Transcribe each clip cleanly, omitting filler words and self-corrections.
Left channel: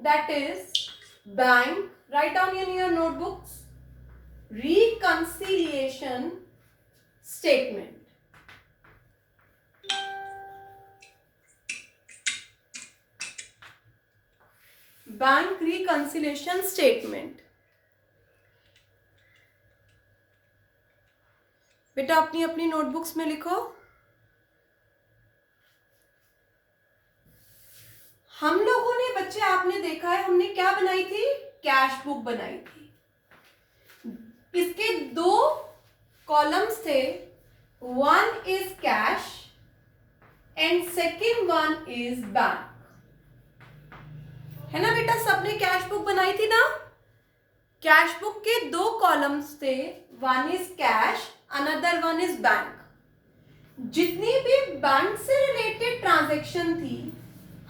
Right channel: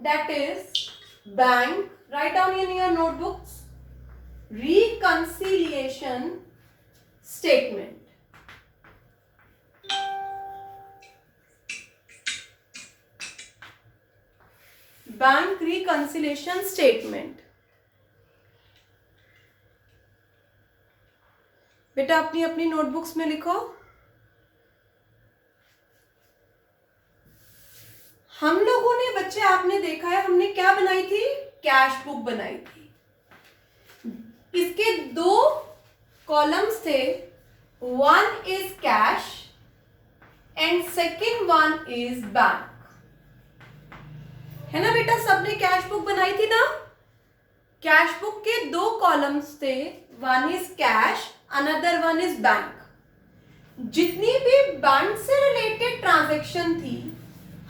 that is bank, write down in your notebooks, reconciliation statement. Bank reconciliation statement. बेटा अपनी अपनी notebooks में लिखो। हम लोगों ने बच्चे, आपने देखा है हमने क्या बनाई थी, कैश बुक बनाई थी। इसके दो कॉलम्स थे, one is cash and second one is bank, है ना बेटा। सबने कैश बुक बनाई थी ना। कैश बुक के दो कॉलम्स थे, one is cash, another one is bank. जितनी भी बैंक से रिलेटेड ट्रांजैक्शन थी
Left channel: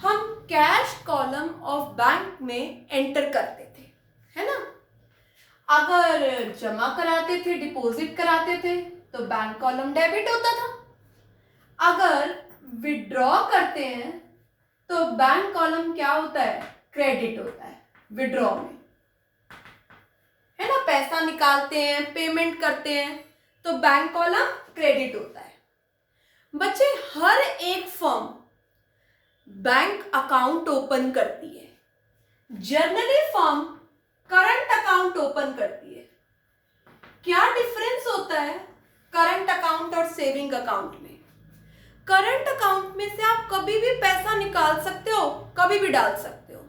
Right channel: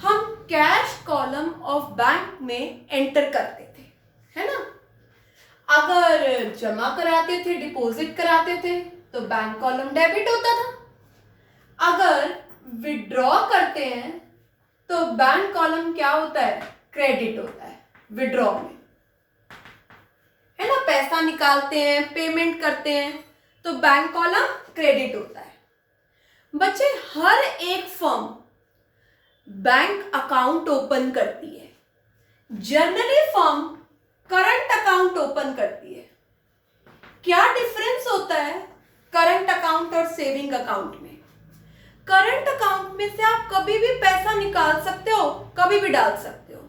हम कैश कॉलम ऑफ बैंक में एंटर करते थे, है ना। अगर जमा कराते थे, डिपॉजिट कराते थे तो बैंक कॉलम डेबिट होता था। अगर विड्रॉ करते हैं तो बैंक कॉलम क्या होता है, क्रेडिट होता है विड्रॉ में, है ना। पैसा निकालते हैं, पेमेंट करते हैं तो बैंक कॉलम क्रेडिट होता है। बच्चे हर एक फर्म बैंक अकाउंट ओपन करती है। Generally firm current account open करती है। क्या डिफरेंस होता है करंट अकाउंट और सेविंग अकाउंट में? करंट अकाउंट में से आप कभी भी पैसा निकाल सकते हो, कभी भी डाल सकते हो,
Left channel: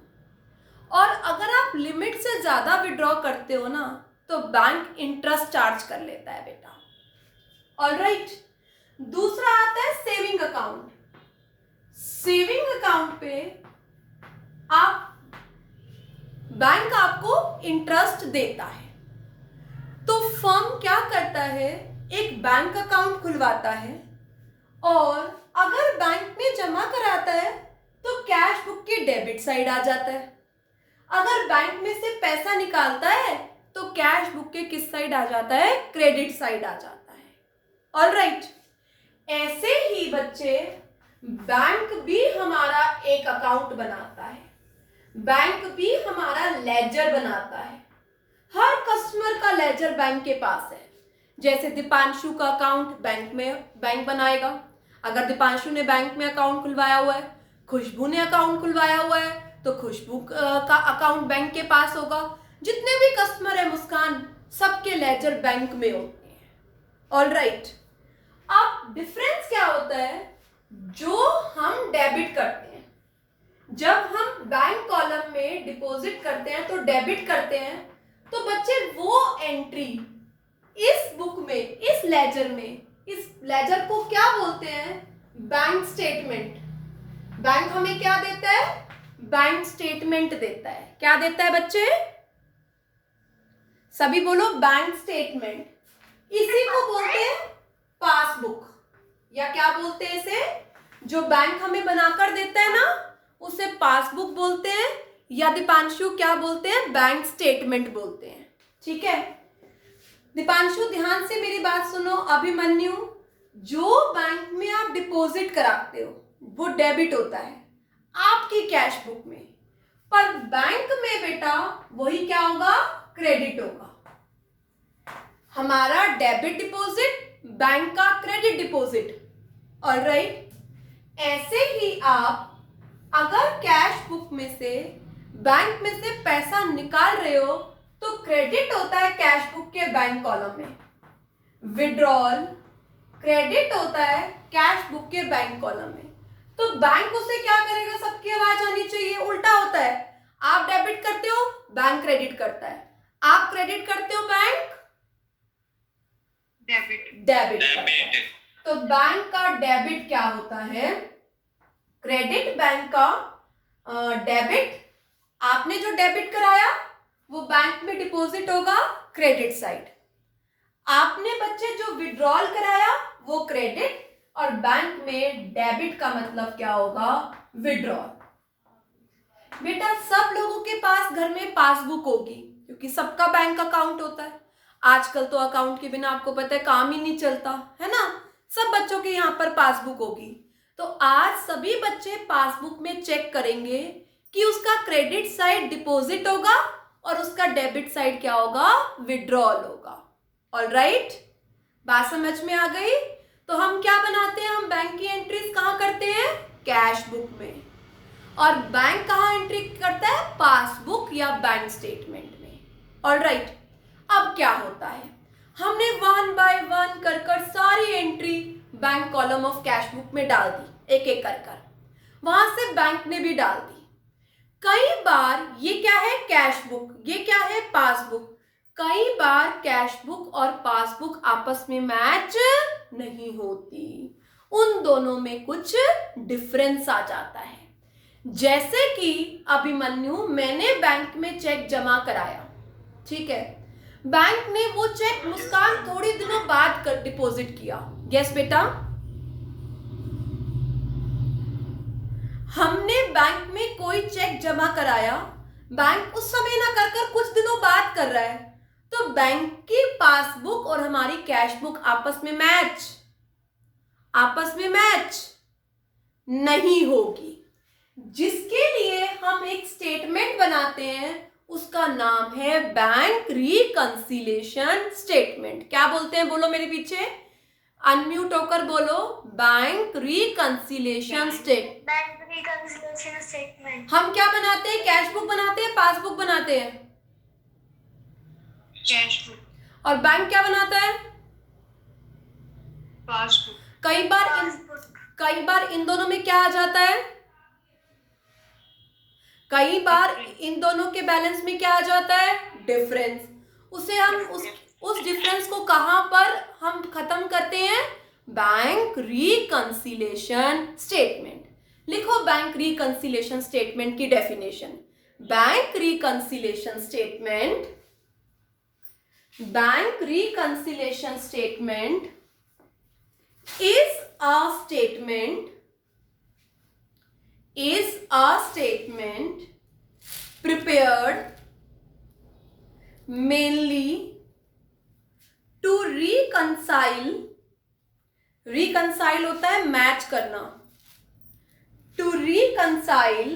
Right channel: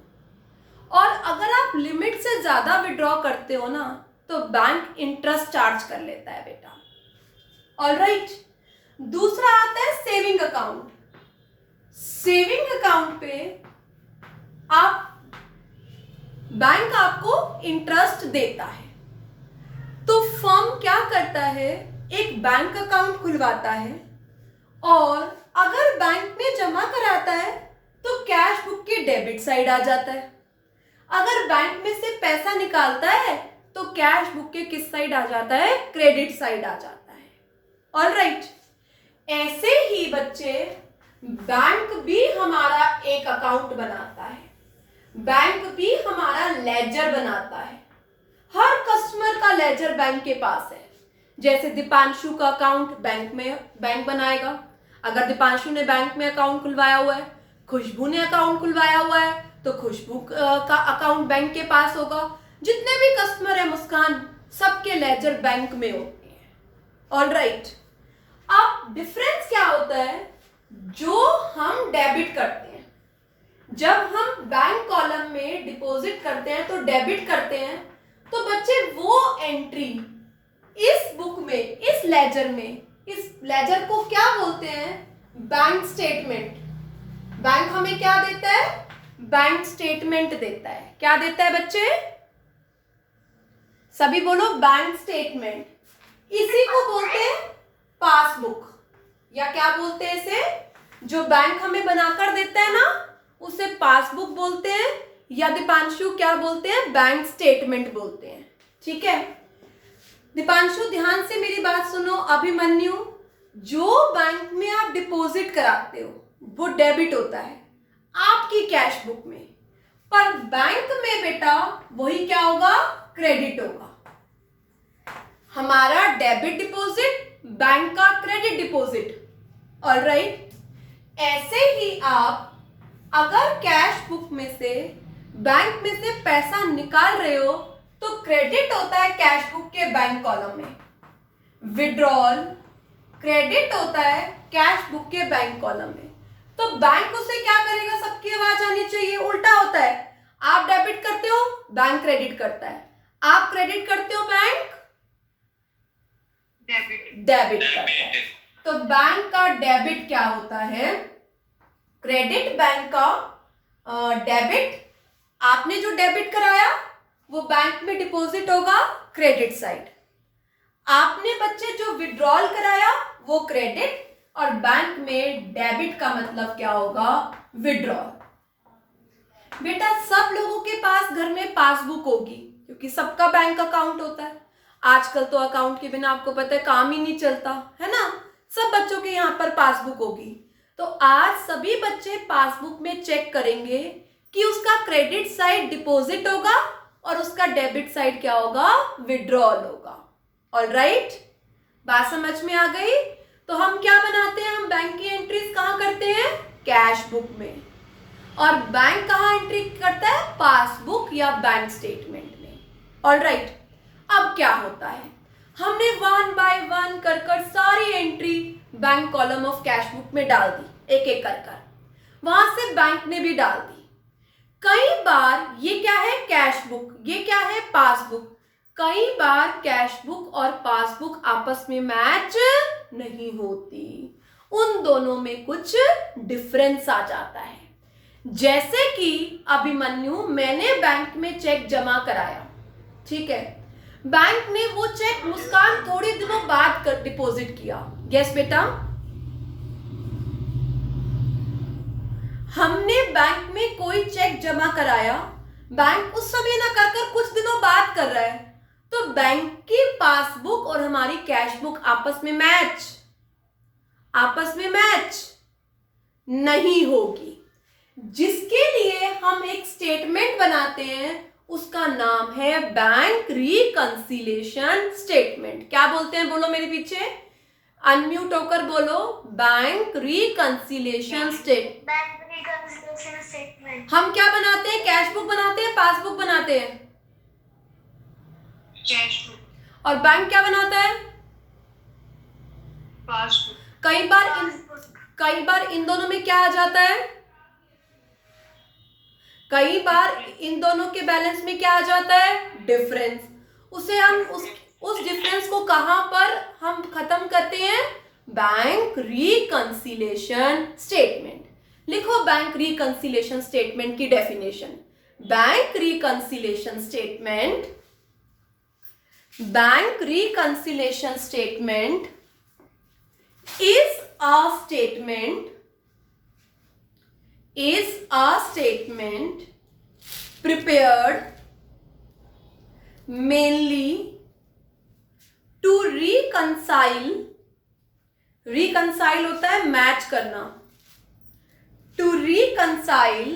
और अगर आप लिमिट से ज्यादा विड्रॉ करते हो ना तो बैंक इंटरेस्ट चार्ज कर लेता है बेटा। ऑलराइट। दूसरा आता है सेविंग अकाउंट। सेविंग अकाउंट पे आप, बैंक आपको इंटरेस्ट देता है, तो फर्म क्या करता है, एक बैंक अकाउंट खुलवाता है और अगर बैंक में जमा कराता है तो कैश बुक की डेबिट साइड आ जाता है। अगर बैंक में से पैसा निकालता है तो कैश बुक के किस साइड आ जाता है, क्रेडिट साइड आ जाता है। ऑलराइट। ऐसे ही बच्चे बैंक भी हमारा एक अकाउंट बनाता है, बैंक भी हमारा लेजर बनाता है। हर कस्टमर का लेजर बैंक के पास है। जैसे दीपांशु का अकाउंट बैंक बनाएगा। अगर दीपांशु ने बैंक में अकाउंट खुलवाया हुआ है, खुशबू ने अकाउंट खुलवाया हुआ है तो खुशबू का अकाउंट बैंक के पास होगा। जितने भी कस्टमर है मुस्कान, सबके लेजर बैंक में होते हैं। ऑलराइट। अब डिफरेंस क्या होता है, जो हम डेबिट करते हैं, जब हम बैंक कॉलम में डिपॉजिट करते हैं तो डेबिट करते हैं, तो बच्चे वो एंट्री इस बुक में, इस लेजर में, इस लेजर को क्या बोलते हैं, बैंक स्टेटमेंट। बैंक हमें क्या देता है, बैंक स्टेटमेंट देता है। क्या देता है बच्चे, सभी बोलो, बैंक स्टेटमेंट। इसी को बोलते हैं पासबुक, या क्या बोलते हैं इसे, जो बैंक हमें बनाकर देता है ना उसे पासबुक बोलते हैं, या दीपांशु क्या बोलते हैं, बैंक स्टेटमेंट बोलते हैं। ठीक है दीपांशु, ध्यान से मेरी बात सुनो। अभिमन्यु, जो बैंक में आप डिपॉजिट कराते हो वो डेबिट होता है आपकी कैश बुक में, पर बैंक में बेटा वही क्या होगा, क्रेडिट होगा। हमारा डेबिट डिपॉजिट, बैंक का क्रेडिट डिपॉजिट। ऑलराइट। ऐसे ही आप अगर कैश बुक में से, बैंक में से पैसा निकाल रहे हो तो क्रेडिट होता है कैश बुक के बैंक कॉलम में। विड्रॉल क्रेडिट होता है कैश बुक के बैंक कॉलम में। तो बैंक उसे क्या करेगा, सबकी आवाज आनी चाहिए, उल्टा होता है। आप डेबिट करते हो, बैंक क्रेडिट करता है। आप क्रेडिट करते हो, बैंक डेबिट करता है। तो बैंक का डेबिट क्या होता है, क्रेडिट, बैंक का डेबिट। आपने जो डेबिट कराया वो बैंक में डिपॉजिट होगा, क्रेडिट साइड। आपने बच्चे जो विड्रॉल कराया वो क्रेडिट, और बैंक में डेबिट का मतलब क्या होगा, विड्रॉल। बेटा सब लोगों के पास घर में पासबुक होगी क्योंकि सबका बैंक अकाउंट होता है। आजकल तो अकाउंट के बिना आपको पता है काम ही नहीं चलता, है ना। सब बच्चों के यहाँ पर पासबुक होगी। तो आज सभी बच्चे पासबुक में चेक करेंगे कि उसका क्रेडिट साइड डिपॉजिट होगा और उसका डेबिट साइड क्या होगा, विड्रॉल होगा। ऑलराइट, बात समझ में आ गई। तो हम क्या बनाते हैं, हम बैंक की एंट्रीज कहाँ करते हैं, कैश बुक में, और बैंक कहाँ एंट्री करता है, पासबुक या बैंक स्टेटमेंट में। ऑलराइट, अब क्या होता है, हमने 1 बाय 1 कर सारी entry bank column of cash book में डाल दी, एक एक कर वहां से बैंक में भी डाल दी। कई बार ये क्या है, कैश बुक, ये क्या है, पासबुक। कई बार कैश बुक और पासबुक आपस में मैच नहीं होती, उन दोनों में कुछ डिफरेंस आ जाता है। जैसे कि अभिमन्यु, मैंने बैंक में चेक जमा कराया, ठीक है, बैंक ने वो चेक मुस्कान थोड़े दिनों बाद कर डिपॉजिट किया। यस बेटा, हमने बैंक में कोई चेक जमा कराया, बैंक उस समय ना कर कुछ दिनों बाद कर रहा है, तो बैंक की पासबुक और हमारी कैश बुक आपस में मैच नहीं होगी। जिसके लिए हम एक स्टेटमेंट बनाते हैं, उसका नाम है बैंक रिकंसिलिएशन स्टेटमेंट। क्या बोलते हैं, बोलो मेरे पीछे, अनम्यूट होकर बोलो, बैंक रिकंसिलिएशन स्टेटमेंट। हम क्या बनाते हैं, कैश बुक बनाते हैं, पासबुक बनाते हैं, कैश बुक। और बैंक क्या बनाता है, पासबुक। कई बार इन दोनों में क्या आ जाता है, कई बार इन दोनों के बैलेंस में क्या आ जाता है, डिफरेंस। उसे हम उस डिफरेंस को कहां पर हम खत्म करते हैं, बैंक रिकंसिलिएशन स्टेटमेंट। लिखो बैंक रिकंसिलिएशन स्टेटमेंट की definition. Bank reconciliation statement is a statement prepared mainly to reconcile होता है मैच करना, to reconcile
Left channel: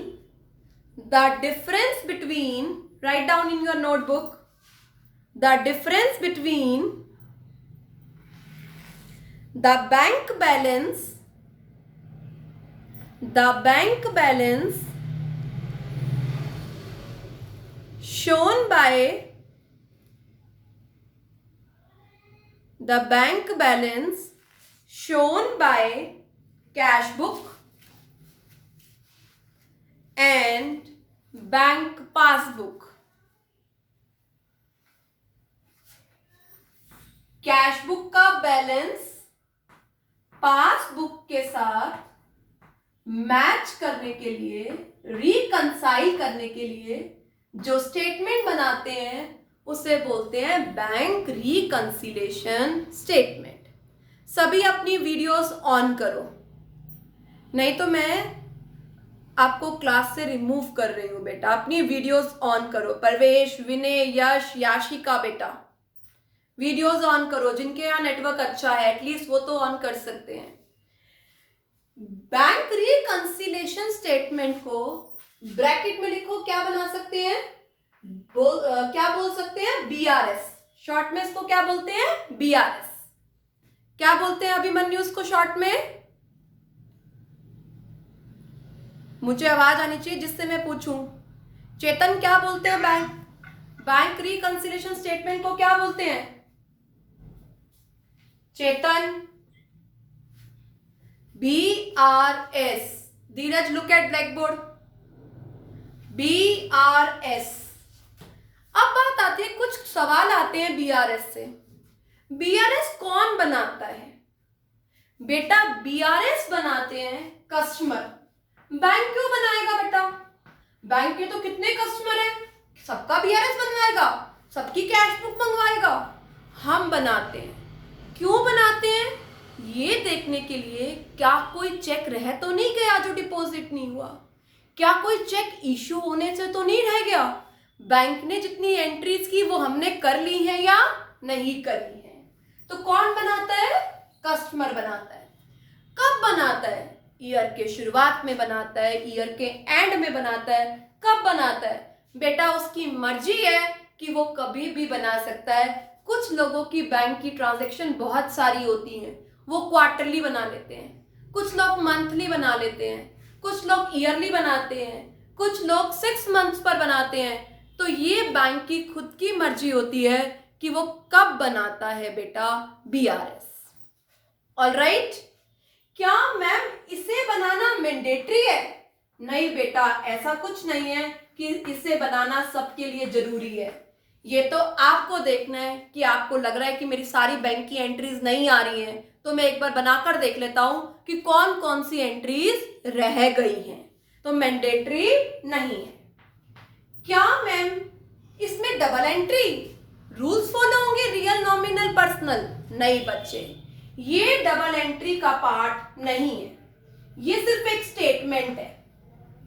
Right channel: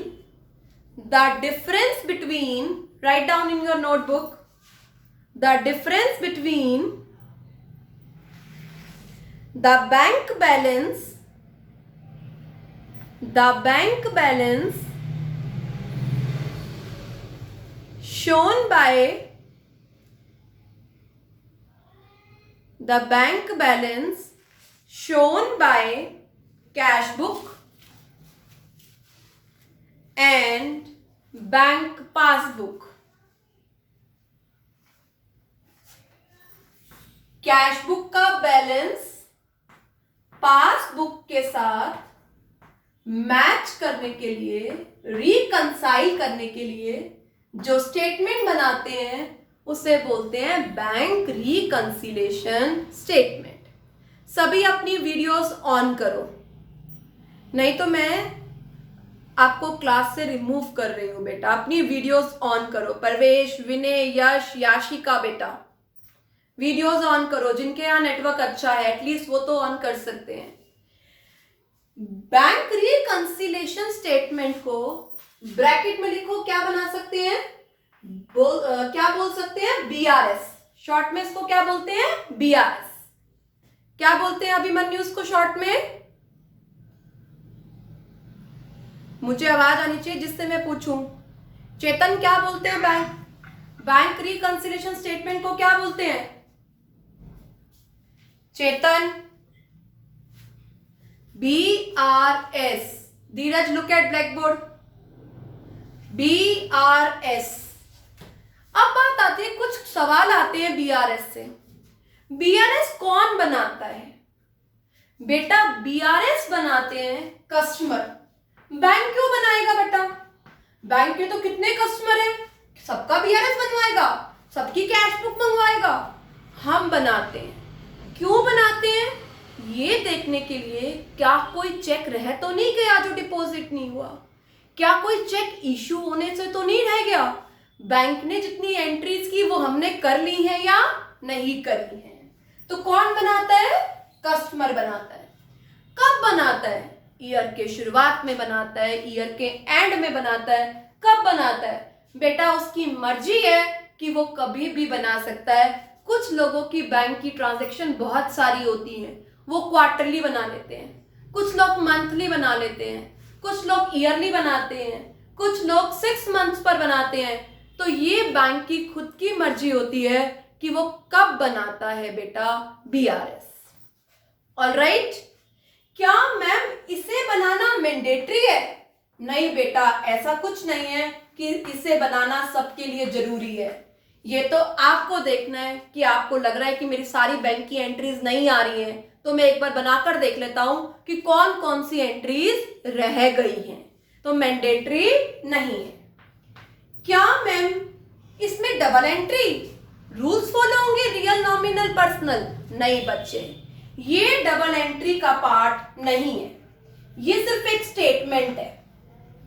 the difference between, write down in your notebook, the difference between the bank balance shown by cash book and bank passbook. Cash book का balance passbook के साथ match करने के लिए, reconcile करने के लिए जो स्टेटमेंट बनाते हैं उसे बोलते हैं बैंक रिकंसिलिएशन स्टेटमेंट। सभी अपनी वीडियोस ऑन करो, नहीं तो मैं आपको क्लास से रिमूव कर रही हूं बेटा। अपनी वीडियोस ऑन करो, परवेश, विनय, यश, याशिका, बेटा वीडियोस ऑन करो। जिनके यहाँ नेटवर्क अच्छा है एटलीस्ट वो तो ऑन कर सकते हैं। बैंक रिकंसिलिएशन स्टेटमेंट को ब्रैकेट में लिखो, क्या बना सकते हैं, क्या बोल सकते हैं, बीआरएस। शॉर्ट में इसको क्या बोलते हैं, बीआरएस। क्या बोलते हैं अभिमन्यु इसको शॉर्ट में, मुझे आवाज आनी चाहिए जिससे मैं पूछूं। चेतन क्या बोलते हैं, बैंक रिकंसिलिएशन स्टेटमेंट को क्या बोलते हैं, Chetan, BRS. Dheeraj look at black board, BRS. अब बात आती है, कुछ सवाल आते हैं बीआरएस से। बीआरएस कौन बनाता है बेटा, बीआरएस बनाते हैं कस्टमर। बैंक क्यों बनाएगा बेटा, बैंक के तो कितने कस्टमर हैं, सबका बीआरएस बनवाएगा, सबकी कैश बुक मंगवाएगा। हम बनाते हैं, क्यों बनाते हैं, ये देखने के लिए क्या कोई चेक रह तो नहीं गया जो डिपॉजिट नहीं हुआ, क्या कोई चेक इशू होने से तो नहीं रह गया, बैंक ने जितनी एंट्रीज की वो हमने कर ली है या नहीं करी है। तो कौन बनाता है, कस्टमर बनाता है। कब बनाता है, ईयर के शुरुआत में बनाता है, ईयर के एंड में बनाता है, कब बनाता है? बेटा उसकी मर्जी है कि वो कभी भी बना सकता है। कुछ लोगों की बैंक की ट्रांजैक्शन बहुत सारी होती हैं, वो क्वार्टरली बना लेते हैं, कुछ लोग मंथली बना लेते हैं, कुछ लोग ईयरली बनाते हैं, कुछ लोग 6 मंथ्स पर बनाते हैं। तो ये बैंक की खुद की मर्जी होती है कि वो कब बनाता है बेटा BRS। ऑलराइट, क्या मैम इसे बनाना मैंडेटरी है? नहीं बेटा, ऐसा कुछ नहीं है कि इसे बनाना सबके लिए जरूरी है। ये तो आपको देखना है कि आपको लग रहा है कि मेरी सारी बैंक की एंट्रीज नहीं आ रही हैं, तो मैं एक बार बनाकर देख लेता हूं कि कौन कौन सी एंट्रीज रह गई हैं। तो मैंडेटरी नहीं है। क्या मैम इसमें डबल एंट्री रूल्स फॉलो होंगे, रियल, नॉमिनल, पर्सनल? नहीं बच्चे, ये डबल एंट्री का पार्ट नहीं है, ये सिर्फ एक स्टेटमेंट है।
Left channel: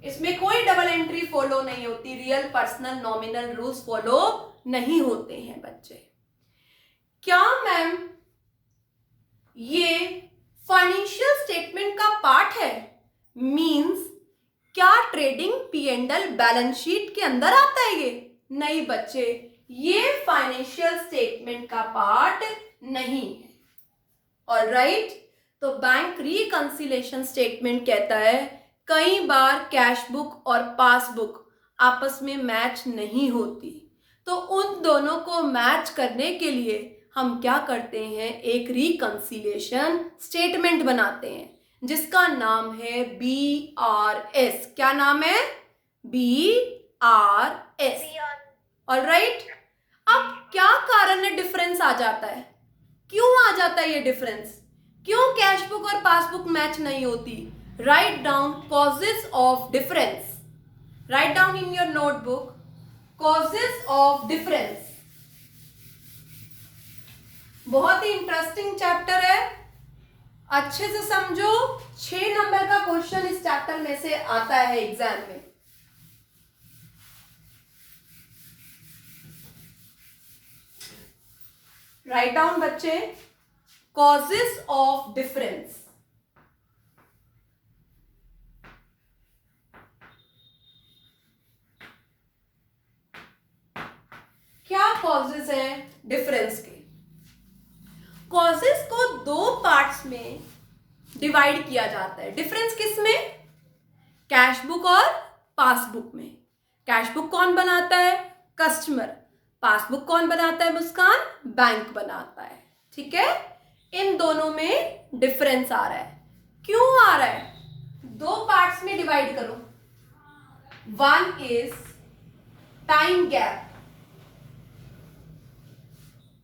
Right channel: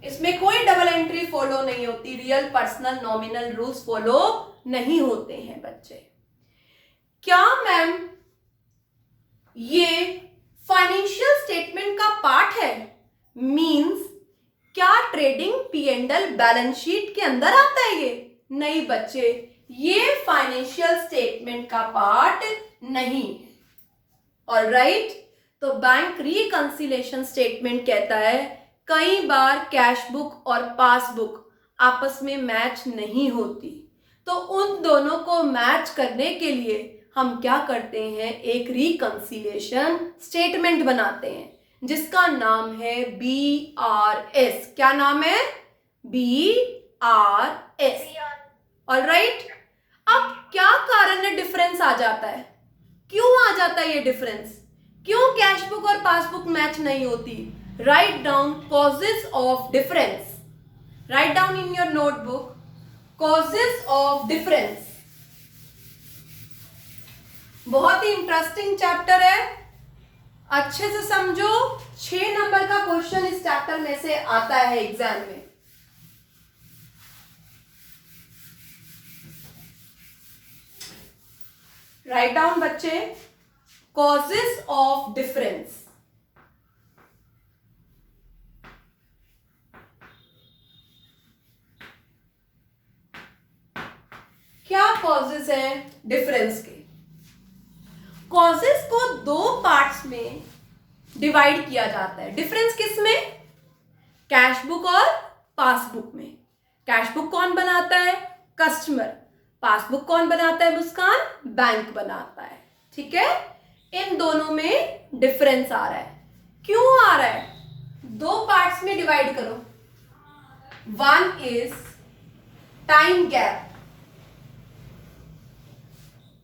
इसमें कोई डबल एंट्री फॉलो नहीं होती, real, personal, nominal rules follow नहीं होते हैं बच्चे। क्या मैम ये फाइनेंशियल स्टेटमेंट का पार्ट है? मींस क्या ट्रेडिंग P&L बैलेंस शीट के अंदर आता है ये? नहीं बच्चे, ये फाइनेंशियल स्टेटमेंट का पार्ट नहीं है। ऑलराइट, तो बैंक रिकंसिलिएशन स्टेटमेंट कहता है कई बार कैश बुक और पासबुक आपस में मैच नहीं होती, तो उन दोनों को मैच करने के लिए हम क्या करते हैं, एक रिकंसिलिएशन स्टेटमेंट बनाते हैं जिसका नाम है BRS। क्या नाम है? BRS। ऑलराइट, अब क्या कारण है डिफरेंस आ जाता है? क्यों आ जाता है ये डिफरेंस? क्यों कैश बुक और पासबुक मैच नहीं होती? Write down causes of difference. Write down in your notebook causes of difference. बहुत ही इंटरेस्टिंग चैप्टर है, अच्छे से समझो। 6 नंबर का क्वेश्चन इस चैप्टर में से आता है एग्जाम में। राइट डाउन बच्चे, कॉजेस ऑफ डिफरेंस। क्या कॉजेस हैं डिफरेंस के? कॉजेस को 2 पार्ट्स में डिवाइड किया जाता है। डिफरेंस किस में? कैश बुक और पासबुक में। कैश बुक कौन बनाता है? कस्टमर। पासबुक कौन बनाता है मुस्कान? बैंक बनाता है। ठीक है, इन दोनों में डिफरेंस आ रहा है। क्यों आ रहा है? 2 पार्ट्स में डिवाइड करो। One is time gap.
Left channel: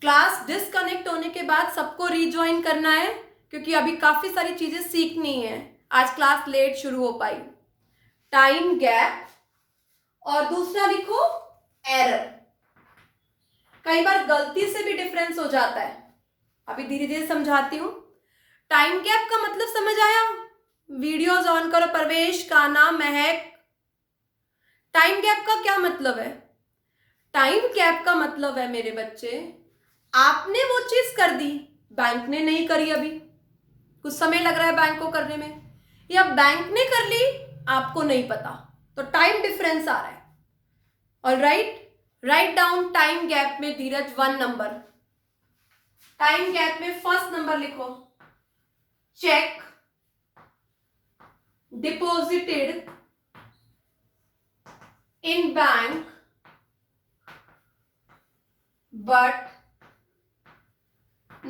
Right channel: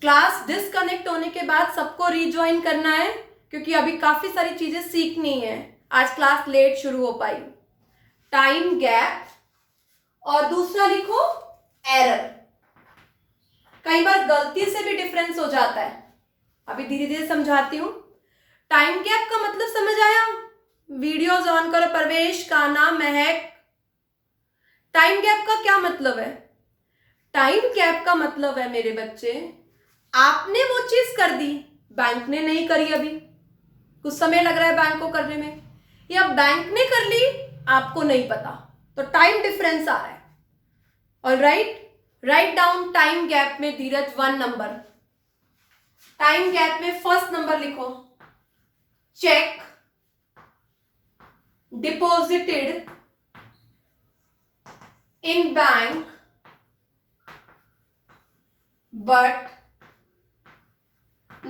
Class disconnect होने के बाद सबको रीज्वाइन करना है, क्योंकि अभी काफी सारी चीजें सीखनी है। आज क्लास लेट शुरू हो पाई। टाइम गैप, और दूसरा लिखो एरर। कई बार गलती से भी डिफरेंस हो जाता है, अभी धीरे धीरे समझाती हूं। टाइम गैप का मतलब समझ आया? वीडियोस ऑन करो परवेश, काना, महक। टाइम गैप का क्या मतलब है? टाइम गैप का मतलब है मेरे बच्चे, आपने वो चीज कर दी, बैंक ने नहीं करी, अभी कुछ समय लग रहा है बैंक को करने में, या बैंक ने कर ली आपको नहीं पता, तो टाइम डिफरेंस आ रहा है। Alright, write down time gap में धीरज 1 नंबर। टाइम गैप में फर्स्ट नंबर लिखो, check deposited in bank but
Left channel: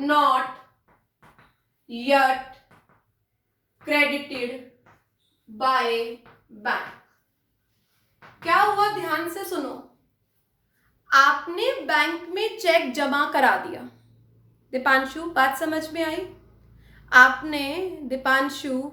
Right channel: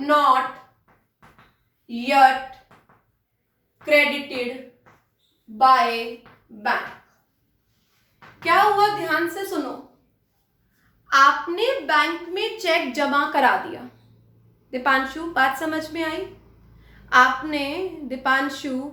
not yet credited by bank। क्या हुआ? ध्यान से सुनो। आपने बैंक में चेक जमा करा दिया। दीपांशु, बात समझ में आई? आपने दीपांशु